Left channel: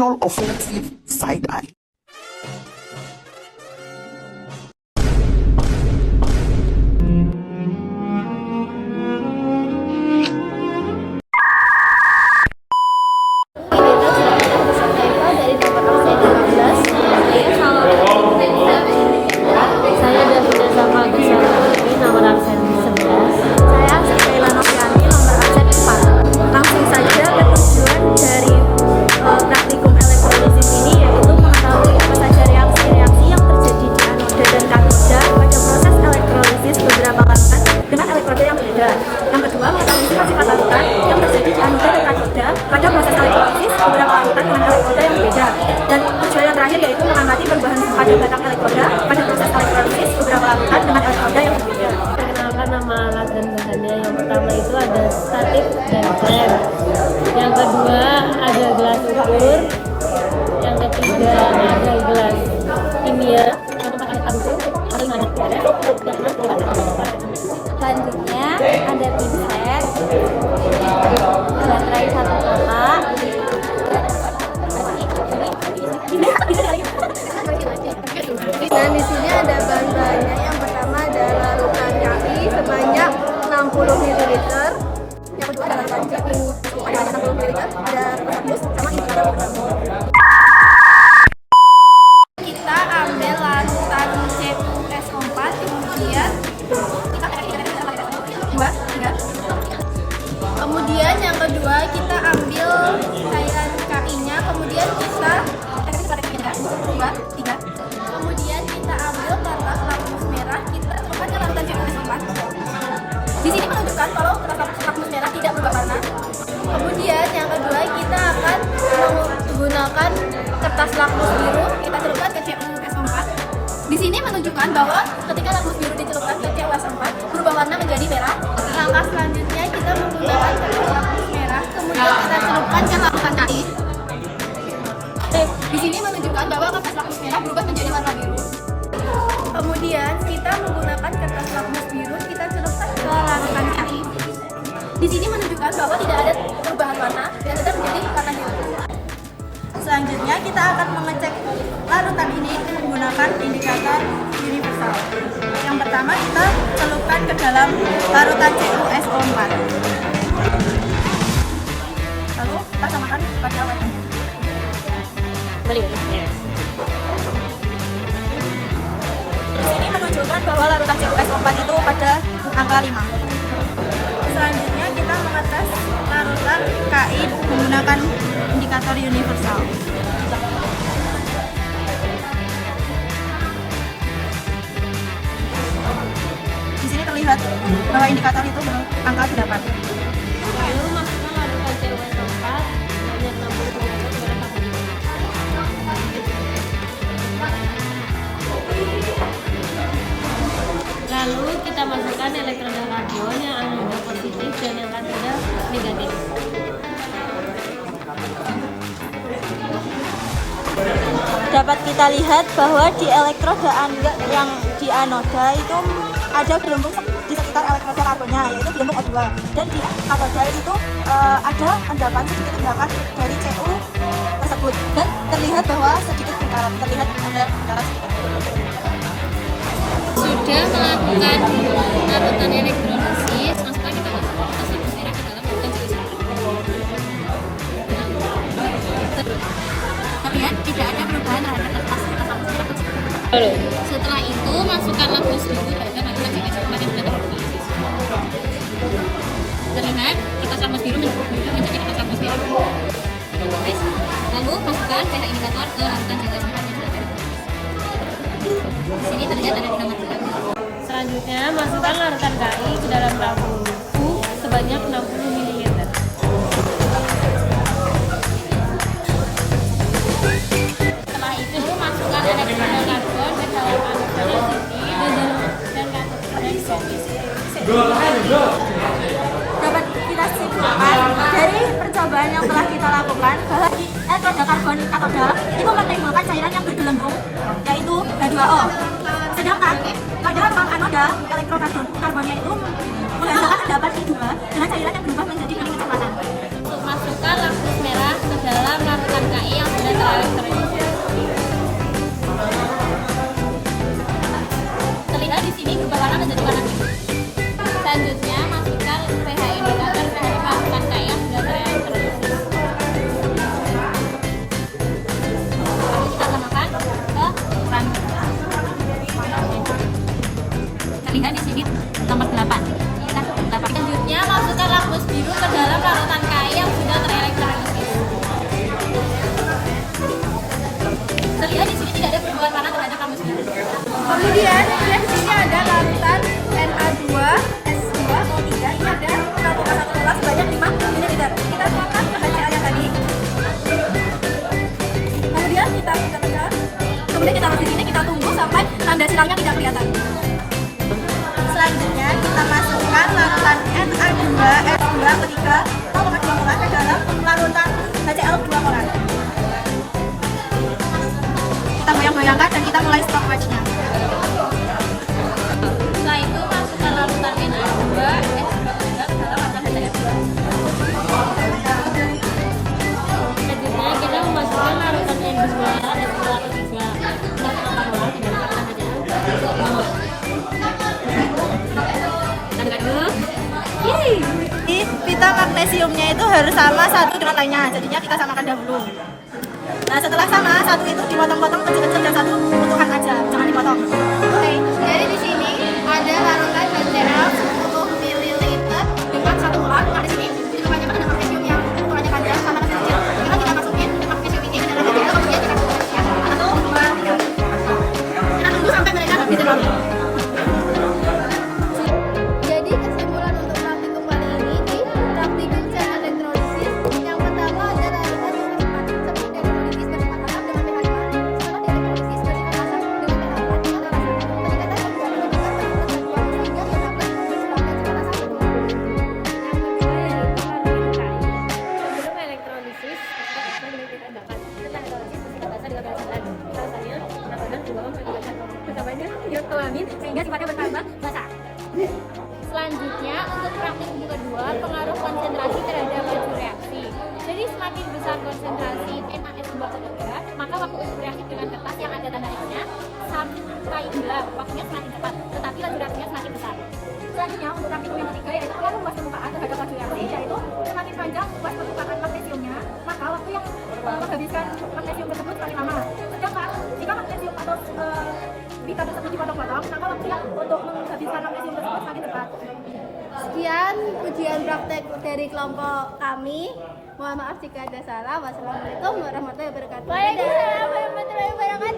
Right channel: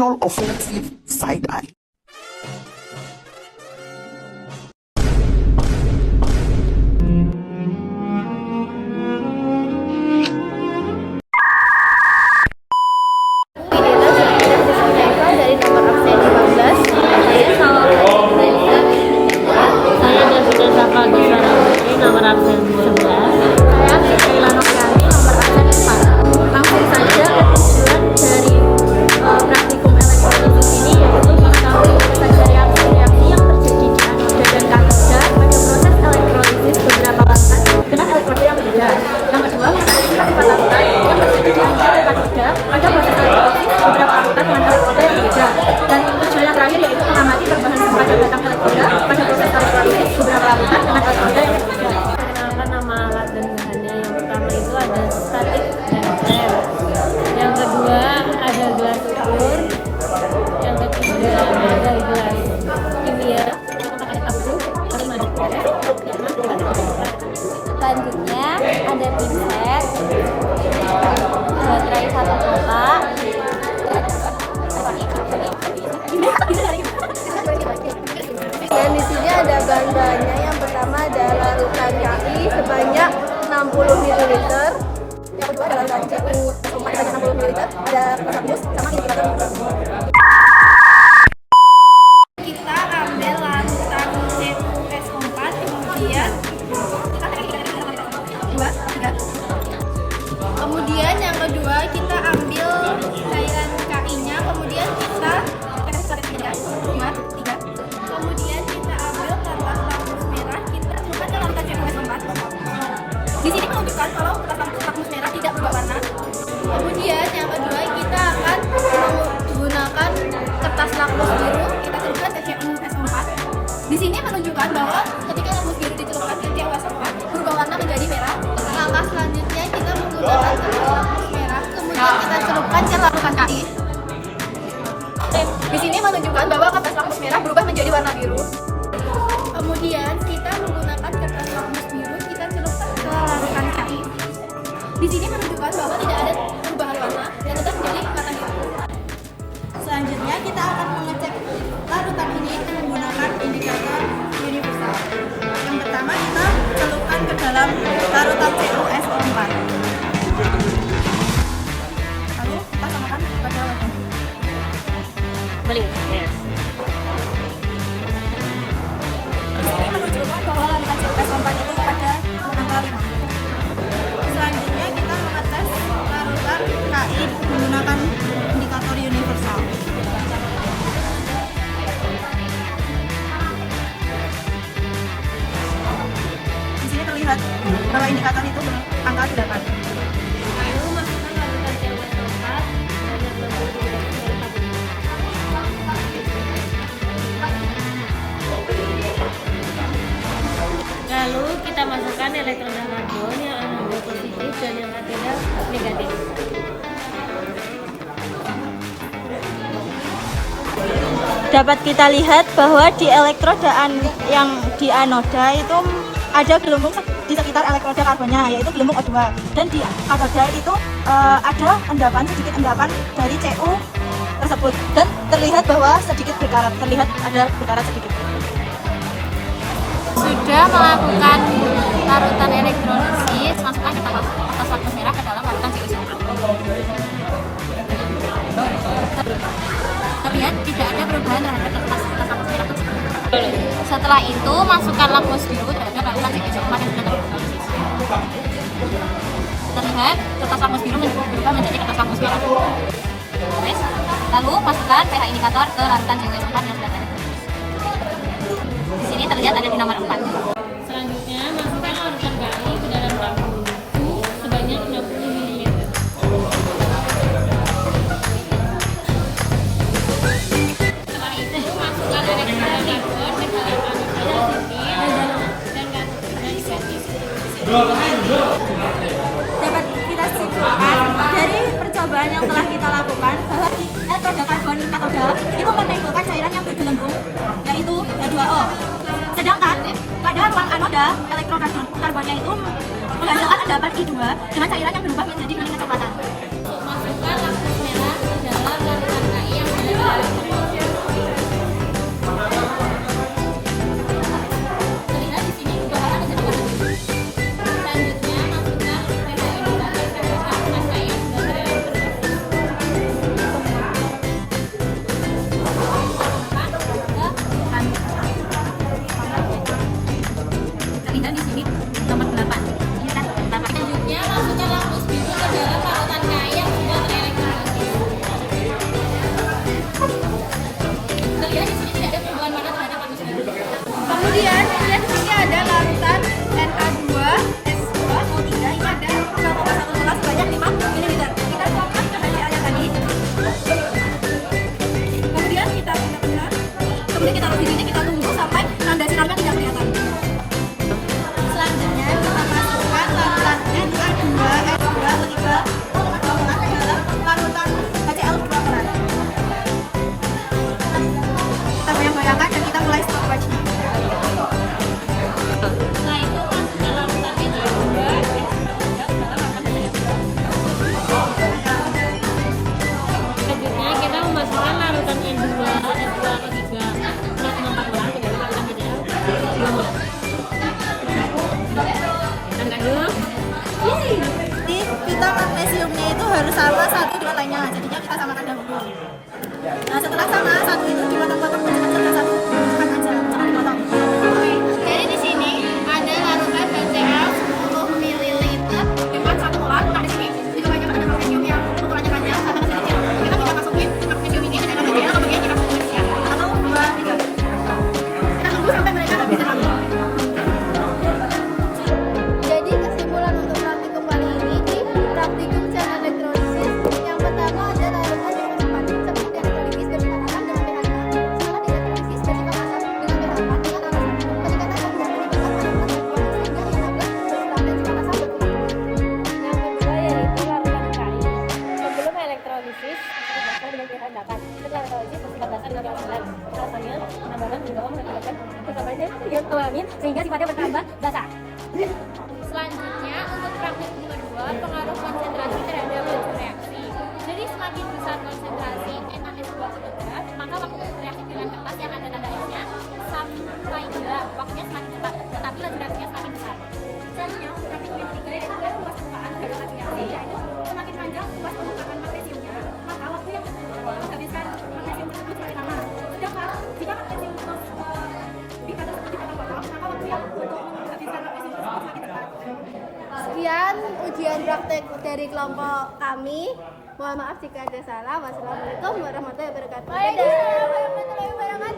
final offensive side eye. Dan tujuan yang terakhir yaitu mengamati perubahan sifat dan batang elektroda pada proses elektrolisis beberapa larutan dengan elektroda yang berbeda. Perkenalkan nama alat dan bahannya. Yang pertama itu ada statik dan flare. Yang kedua ada gelas ukur. Yang ketiga ada gelas kimia. Selanjutnya ada pinset, baterai 1 kotak. Dan di sini ada bahan-bahannya. Yang pertama ada larutan KI sebanyak 60 ml. Yang kedua adalah larutan CU sebanyak 60 ml. Ada persatuan sama indikator. Kita ambil larutan CuSO4, kemudian kita kemudian yang kedua kita ambil cairan KI-nya, kemudian kita kemudian kita ambil kertas lakmus merah, kita masukkan ke larutan CuSO4. Di sini menunjukkan kalau kertas lakmus merah tidak berubah warna. Kemudian yang kedua kita akan menggunakan kertas lakmus biru, kita celupkan ke CuSO4. Di sini menunjukkan bahwa ketika lakmus biru dicelupkan ke CuSO4 berubah warna menjadi merah. Langkah selanjutnya kita menggunakan kertas lakmus merah, kemudian kita celupkan ke larutan KI. Di sini menunjukkan bahwa kertas lakmus merah berubah menjadi warna biru. Kemudian kita menggunakan kertas lakmus biru, kita celupkan ke larutan KI. Di sini menunjukkan bahwa tidak ada perubahan warna dan tetap menjadi warna biru. Selanjutnya kita akan mengecek larutan ini dengan menggunakan indikator universal. Yang pertama kita celupkan ke dalam larutan CuSO4. Lalu kita samakan pada Beli. ini menunjukkan bahwa larutan CuSO4 itu pada angka 5. Selanjutnya kita mengetes larutan KI menggunakan indikator universal. Di sini terlihat bahwa indikator itu angka 8. Lalu masukkan larutan CuSO4 sebanyak 60 ml. Lalu kita masukkan elektroda karbon yang anoda positif dan yang katoda negatif. Dapat kita lihat bahwa di elektroda yang di anoda itu ada gelombang di sekitar elektroda karbonnya, yaitu gelombang E2, dan di anoda itu ada sedikit endapan dari Cu tersebut, dan terlihat bahwa sedikit berkarat, terlihat ada berkarat sedikit. Sudah melakukan larutan elektrolisis, masukkan kita kertas lakmus merah ke dalam larutan CuSO4. Terlihat tidak ada perubahan terhadap kertas lakmus merah tersebut. Setelah itu masukkan lakmus biru terhadap larutan CuSO4 yang sudah tereliminasi. Terlihat kertas lakmus biru berubah menjadi kertas lakmus merah. Lalu masukkan pH indikator ke larutan CuSO4 yang sudah tereliminasi. Di sini terlihat ada di nomor 4. Selanjutnya masukkan larutan KI ke dalam tabung sebanyak 60 ml. Setelah itu masukkan elektroda karbon ke dalam anoda dan katoda negatif. Dapat kita simpulkan dari percobaan yang telah kita lakukan bahwa elektroda karbon katoda itu menimbulkan cairan yang bergelembung, yaitu H2O. Sedangkan pada ruang anoda elektrokarbon karbonnya itu menghasilkan endapan I2 dengan cairan yang berubah menjadi kuning kecoklatan. Masukkan lakmus merah ke dalam larutan KI yang sudah 3 di sini nomor 8. Kita selanjutnya masukkan lakmus biru ke dalam larutan KI yang sudah terelektrolisis. Terlihat di sini tidak ada perubahan warna terhadap lakmus biru. Kemudian di sini ada larutan Na2 S2O3. Ini ada kandungan satu molar sebanyak 5 ml. Kita tuangkan ke HCl yang tadi. Kemudian kita tekan. Kemudian kita taruh di sini, kita tunggu sampai tanda siramnya tidak kelihatan. Selanjutnya kita masukkan larutan Na2S2O3 ke dalam larutan HCl 2 molar. Kita goyang-goyangkan dan kita mulai stopwatch-nya. Setelah itu masukkan larutan Na2 Selanjutnya kita memasukkan larutan N2 Pita magnesiumnya itu harus sama satu dengan lainnya, jadinya kita samakan dahulu. Nah setelah sama, satu itu dipotong-potong kecil-kecil dan satu utuhan aja, jangan dipotong. Oke, jadi di sini ada larutan HCl 10 ml dengan 1 molar. Nah di sini ditukannya ada magnesium yang ukurannya kecil sama kecil. Kita tidak masukin magnesium ini ke dalam HCl, kemudian kita tuangkan atau 2, 3. Kita tunggu sampai mereka ditelan. Jadi kesimpulan untuk praktikum kali ini di praktikum sel elektrolisis, yang pertama ada larutan bersifat sebelum dielektrolisis bersifat asam dengan pH 5, setelah dielektrolisis bersifat asam dengan pH 4 dengan asam. Peningkatan O2 menimbulkan penampilan dan dua sehingga yang dapat berkurang dan sifat asam berkurang. Yang kedua yaitu larutan KI. Sebelum elektrolisis bersifat dengan pH 8. Setelah elektrolisis bersifat asam dengan pH 9. Alasannya penambahan juga mengakibatkan pertambahannya ion amin sehingga sifatnya bertambah basah. Selanjutnya untuk praktikum kedua, pengaruh konsentrasi terhadap laju reaksi. Jadi semakin besar konsentrasi NaS2O3, maka waktu reaksi dengan kertas yang ada tanda X-nya sampai enggak, waktunya semakin cepat, tetapi laju reaksinya semakin besar. Selanjutnya untuk praktikum yang ketiga yaitu luas permukaan terhadap laju reaksi, yaitu semakin panjang luas permukaan magnesiumnya, maka waktu yang menghabiskan magnesium tersebut semakin lama. Sedangkan jika magnesium atau bika tersebut dipotong-potong, maka waktu yang untuk menghabiskan magnesium tersebut semakin cepat. Sekian ujian praktek dari kelompok kami. Mohon maaf jika ada salah. Wassalamualaikum warahmatullahi wabarakatuh. Dadah.